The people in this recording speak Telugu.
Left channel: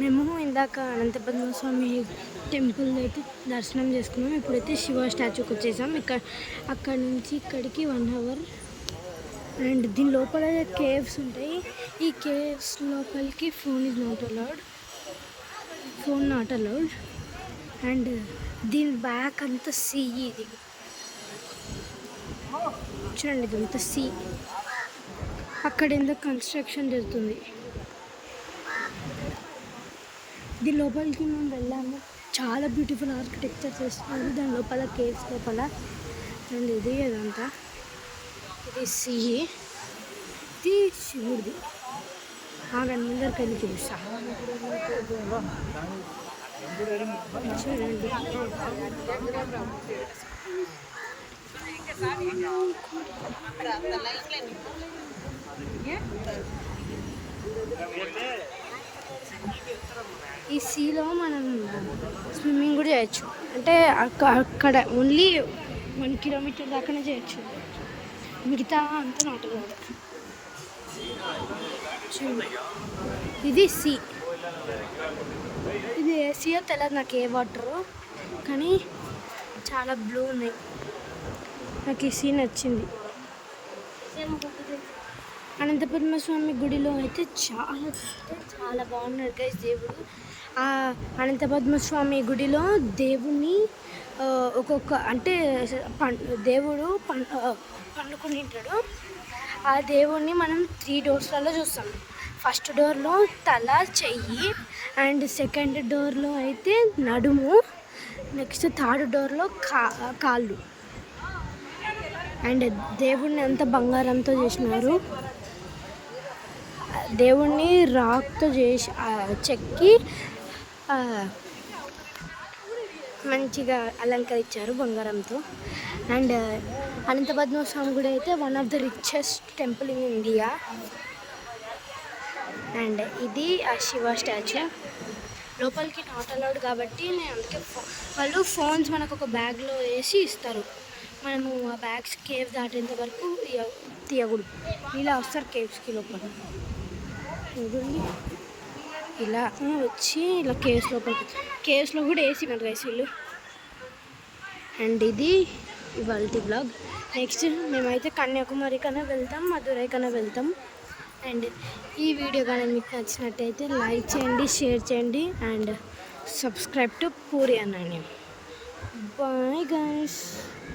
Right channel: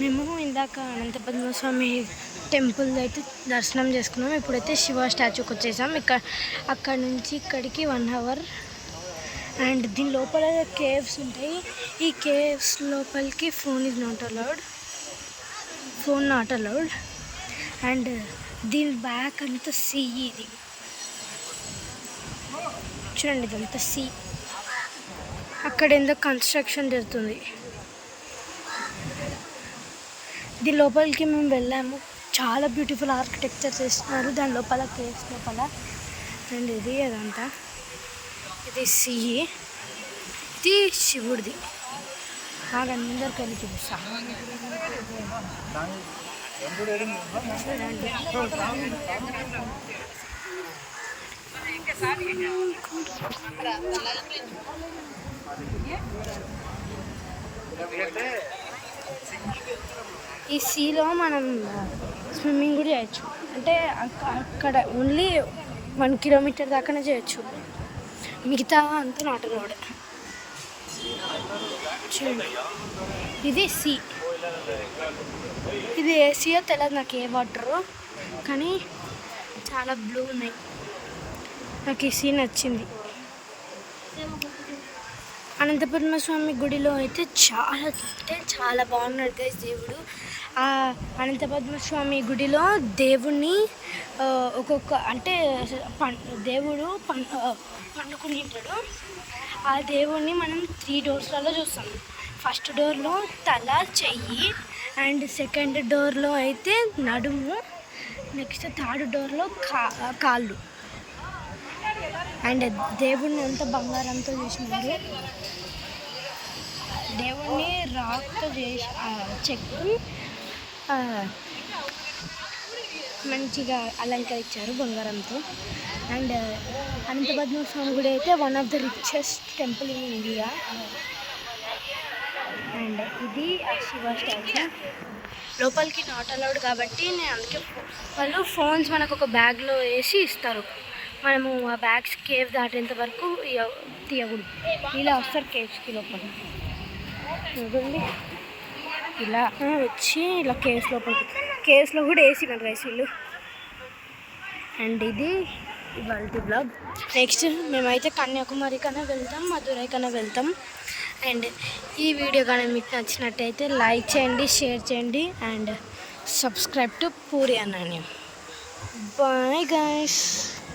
మేము ఇందాక అనంత పద్మస్వామి టెంపుల్ అయితే దర్శనం చేసుకున్నాం. ఇప్పుడైతే శివ స్టాచ్యూకి వచ్చేసాం. అక్కడ నుంచి ఇక్కడికి 1 అవర్. అండ్ దీని లోపల కేవ్స్ ఉంటాయి. ఈ కేవ్స్ లోపలికి ఫోన్ నాట్ అలౌడ్. అండ్ దీని బ్యాక్ అంతా సీ. ఇది చూడండి, ఇదంతా సీ. అక్కడ ఎందుకు కన్స్ట్రక్షన్ జరుగుతుంది. దీని లోపలికి మేము వెళ్ళాము. చాలా బ్యూటిఫుల్ ఆర్కిటెక్చర్ చేస్తున్నారు దాని లోపల, కేవ్స్ లోపల. అండ్ అదంతా ఇది సీ. ఇది శివుడిది. ఆగండి, ముందరికి వెళ్ళి చూపిస్తా. చూడండి, ఈ సీలో మనం స్విమ్మింగ్ కూడా చేయొచ్చు. అంటే అక్కడ ఓన్లీ 1 కిలోమీటర్ దాకానే చేయొచ్చు, మిగతా అంతా నాట్ అలౌడ్. చూడండి, ఇది సీ. ఇది ఏ సీయో తెలియదు నాకు, ఏ వాటరు, కానీ చాలా బ్లూ ఉన్నాయి. నాకు ఈ సీ నచ్చింది. అనంత పద్మస్వామి గుడిలో అయితే చాలా బాగున్నాడు గైస్ దేవుడు. అనంత పద్మస్వామి గుడిలో దేవుణ్ణి ఒక్కొక్క అంటే దేవుడు పండుకొని ఉంటాడు. ఆ దేవుణ్ణి మనం 3 డోర్స్లలో చూస్తాం. ఫస్ట్ డోర్లో తల, చెయ్యి. అండ్ సెకండ్ డోర్లో అయితే నడుము. నెక్స్ట్ థర్డ్ డోర్లో కాళ్ళు. అండ్ దేవుణ్ణి అంతా బంగారంతో చేసినారు. దేవుణ్ణి రాక్తో చేసి చెక్కి మంచిగా అలంకరించారు బంగారంతో. అండ్ అనంత పద్మస్వామి గుడి అయితే one of the richest temple in India. And ఇది ఆ శివ స్టాచ్యూ. లోపలికి నాట్ అలౌడ్ కాబట్టి నేను అందుకే వాళ్ళు ఫోన్స్ మనకు ఒక బ్యాగ్లో వేసి ఇస్తారు. మనము ఆ బ్యాగ్స్ కేవ్ దాటేంత వరకు తీయకూడదు. ఇలా వస్తారు కేవ్స్కి లోపల. చూడండి, ఇలా వచ్చి ఇలా కేవ్స్లో కూడా వేసినారు గైస్ వీళ్ళు. అండ్ ఇది ఇవాళ బ్లాగ్. నెక్స్ట్ మేమైతే కన్యాకుమారి కన్నా వెళ్తాం, మధురై కన్నా వెళ్తాం. అండ్ ఈ వీడియో కానీ మీకు నచ్చినట్టయితే లైక్ చేయండి, షేర్ చేయండి. అండ్ సబ్స్క్రైబ్ టు పూరి అన్నాని. Bye guys.